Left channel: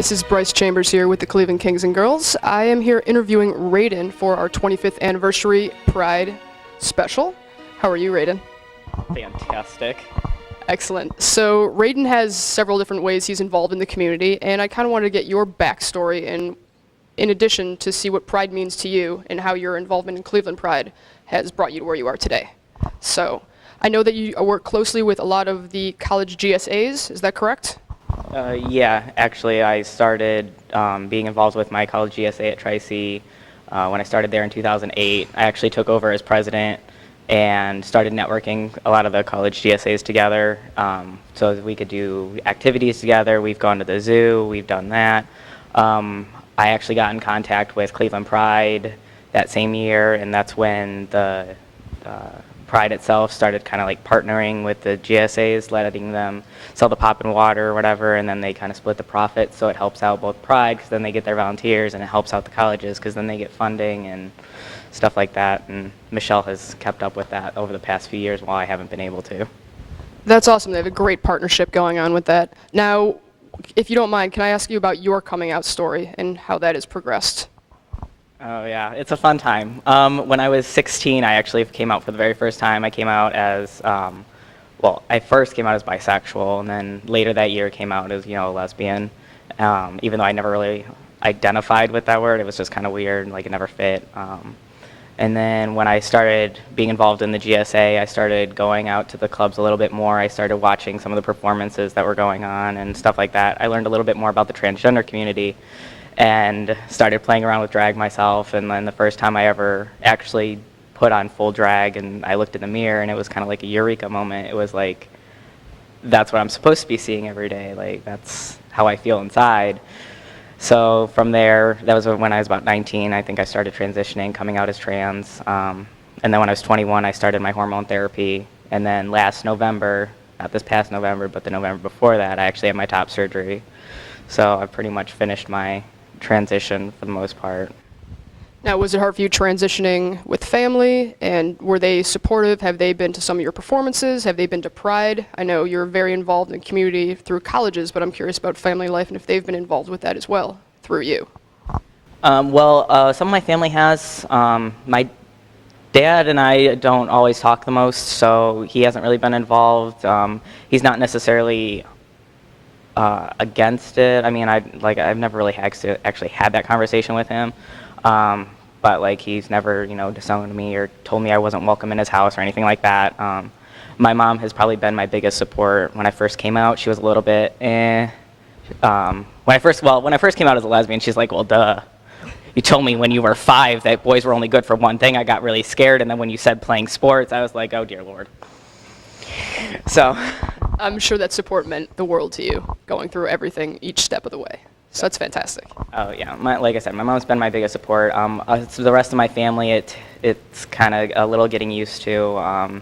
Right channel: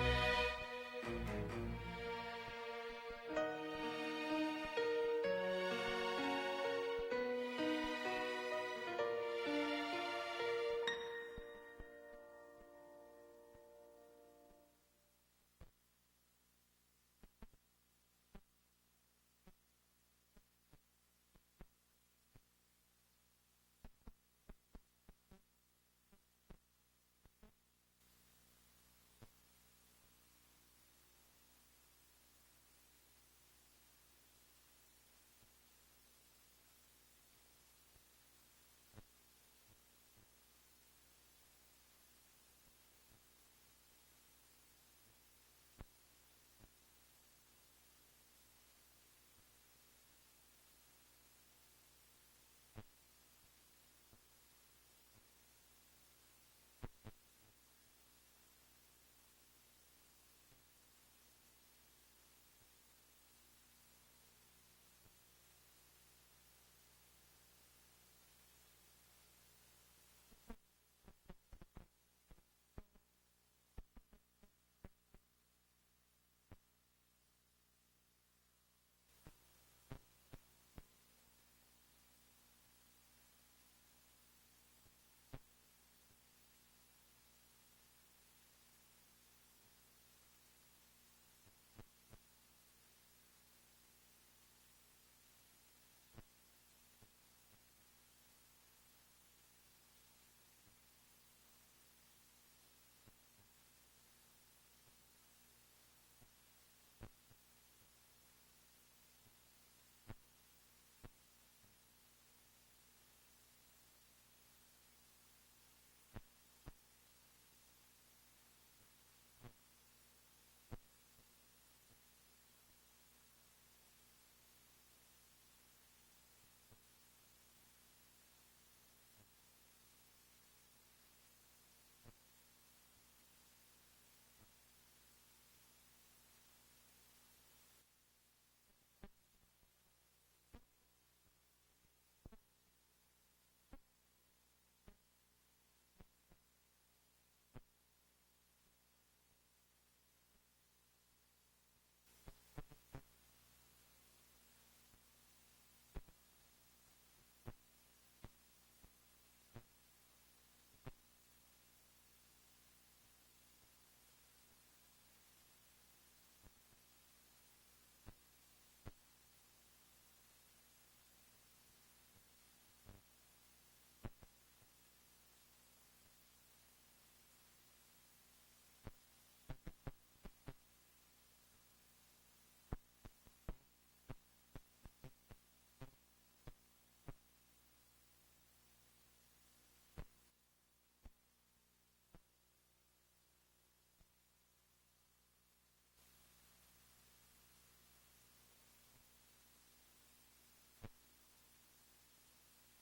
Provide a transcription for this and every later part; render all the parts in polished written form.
This is Bryce Chambers here with the Cleveland Kings and Girls. I am here interviewing Raidon for our 25th anniversary Pride special. How are you, Raidon? Fantastic. Excellent. So Raidon has several different ways he's involved in the community, and I kind of wanted to get your backstory in addition to see what Pride means to you and how your involvement in Cleveland Pride has brought you to where you are today. So I know that you work closely with a lot of the college GSAs. Is that correct? Yeah, actually, I started being involved with my college GSA at Tri-C when I started there in 2008. I actually took over as president and started networking a lot of the college GSAs together so that we could do activities together. We've gone to the zoo, we've done that. I actually got in contact with Cleveland Pride that same year, and that's when the Pride itself started kind of like partnering with the GSAs, letting them sell the pop and water or whatever, and then they kind of split the profits, so it helps out both Pride because then they get their volunteers, and it helps out the colleges because then they get funding and stuff like that. And Michelle has kept up with that over the past few years while I haven't been able to. That's awesome. They have a great partnership going on with that. Now, if you don't mind, can I ask you about your coming out story and how that has progressed? Oh yeah, it's a fun time. When I was 16, I actually came out for the very first time. I came out as, well, I first came out as bisexual, and then later that year came out as, a lesbian. Even though I never really identified with that word, it was just kind of weird, like it never fit. And then when I started being involved in the GSA, I started going out to the clubs a little bit more. I started watching some of the performances that were going on and stuff like that. I learned a little bit more about the transgender community and started playing around with drag myself. And then the first time I ever actually put on full drag and I looked in the mirror, and it was kind of like a eureka moment. It was like, that's what I'm supposed to be seeing every day. Like, that's how I feel inside. So from there, that was when I was about 19, I think I started transitioning, coming out as trans. And then when I was 21, I started my hormone therapy. And then last November, not this past November, but the November before that, I actually had my top surgery. So I pretty much finished my transition for the most part. Now, was it hard for you transitioning with family, and were they supportive? Have they been to some of your performances? Have they been to Pride? I know you're very involved in the community through colleges, but I'm curious about family life and if they've been involved with that as well through you. Some of my family has. My dad and I don't always talk the most, so he hasn't really been involved. He's not necessarily against it. I mean, I've never really actually had that conversation with him. But like he's never, disowned me or told me I wasn't welcome in his house or anything like that. My mom has probably been my biggest support. When I first came out, she was a little bit when I first came out as a lesbian, she's like, well, duh. You told me when you were 5 that boys were only good for one thing. I got really scared, and then when you said playing sports, I was like, oh dear Lord. So I'm sure that support meant the world to you, going through everything each step of the way. So that's fantastic. Oh yeah, like I said, my mom's been my biggest support. The rest of my family, it's kind of a little getting used to.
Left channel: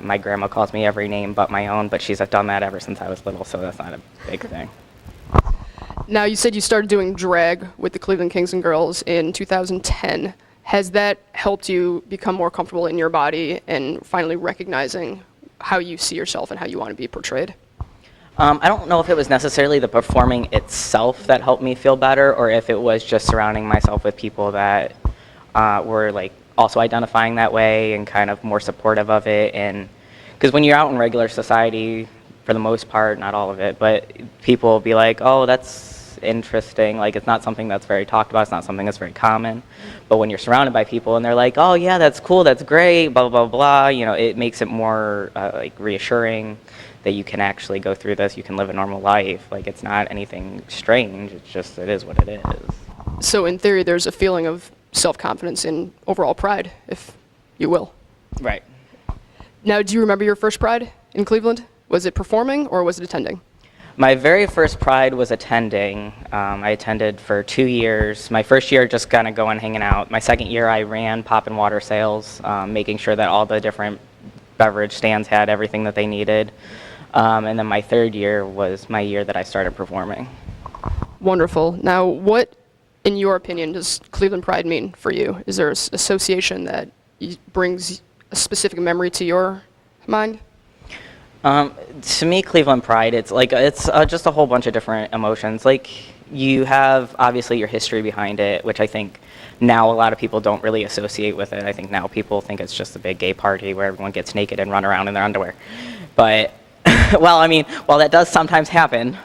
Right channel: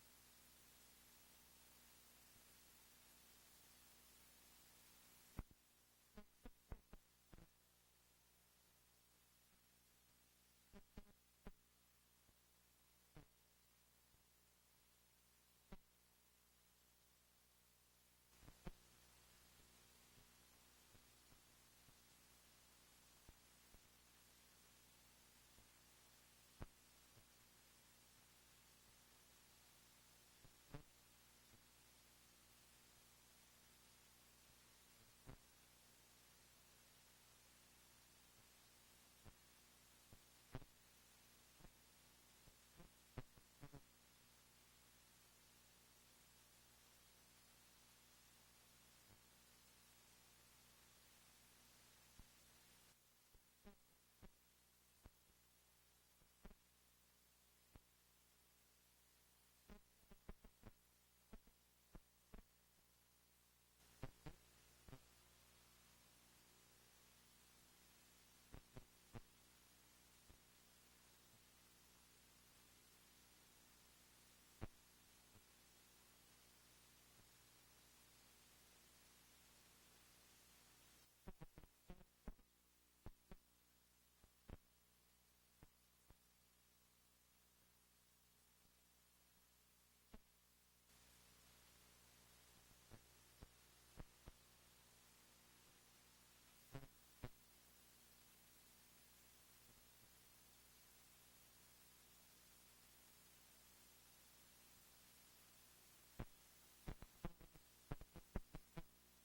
My grandma calls me every name but my own, but she's done that ever since I was little, so that's not a big thing. Now, you said you started doing drag with the Cleveland Kings and Girls in 2010. Has that helped you become more comfortable in your body and finally recognizing how you see yourself and how you want to be portrayed? I don't know if it was necessarily the performing itself that helped me feel better, or if it was just surrounding myself with people that were like also identifying that way and kind of more supportive of it. And because when you're out in regular society, for the most part, not all of it, but people will be like, oh, that's interesting. Like, it's not something that's very talked about. It's not something that's very common. But when you're surrounded by people and they're like, oh yeah, that's cool, that's great, blah, blah, blah, it makes it more like reassuring that you can actually go through this, you can live a normal life. Like, it's not anything strange, it's just, it is what it is. So in theory, there's a feeling of self-confidence in overall Pride, if you will. Right. Now, do you remember your first Pride in Cleveland? Was it performing or was it attending? My very first Pride was attending. I attended for 2 years. My first year just kind of going hanging out. My second year I ran pop and water sales, making sure that all the different beverage stands had everything that they needed. And then my third year was my year that I started performing. Wonderful. Now, what, in your opinion, does Cleveland Pride mean for you? Is there an association that brings a specific memory to your mind? To me, Cleveland Pride, it's just a whole bunch of different emotions. Like, you have obviously your history behind it, which I think now a lot of people don't really associate with it. I think now people think it's just a big gay party where everyone gets naked and run around in their underwear. But, well, I mean, while that does sometimes happen,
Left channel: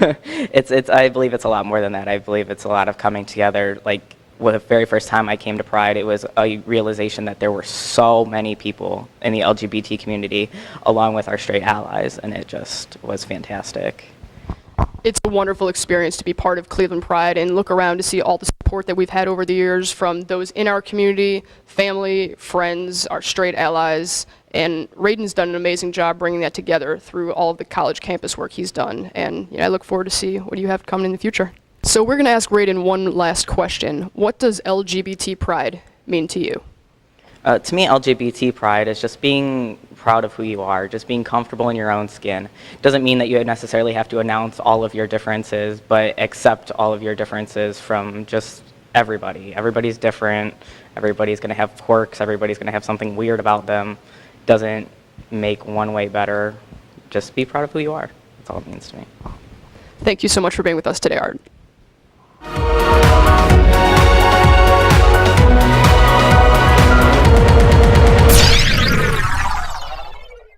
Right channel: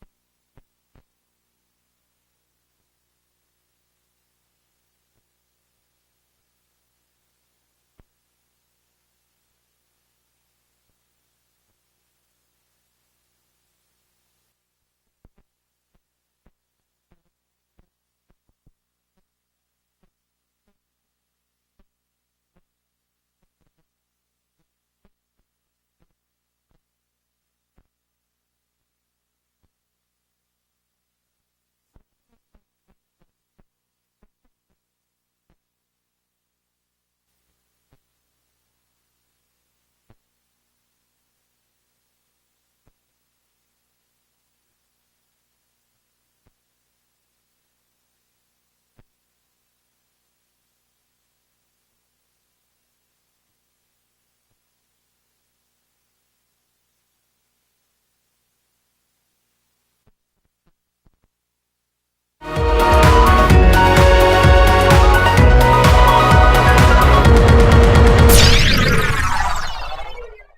I believe it's a lot more than that. I believe it's a lot of coming together. Like, the very first time I came to Pride, it was a realization that there were so many people in the LGBT community along with our straight allies, and it just was fantastic. It's a wonderful experience to be part of Cleveland Pride and look around to see all the support that we've had over the years from those in our community, family, friends, our straight allies, and Raidon's done an amazing job bringing that together through all of the college campus work he's done, and I look forward to see what you have coming in the future. So we're going to ask Raidon one last question. What does LGBT Pride mean to you? To me, LGBT pride is just being proud of who you are, just being comfortable in your own skin. Doesn't mean that you necessarily have to announce all of your differences, but accept all of your differences from just everybody. Everybody's different. Everybody's going to have quirks. Everybody's going to have something weird about them. Doesn't make one way better. Just be proud of who you are. That's all it means to me. Thank you so much for being with us today, Art.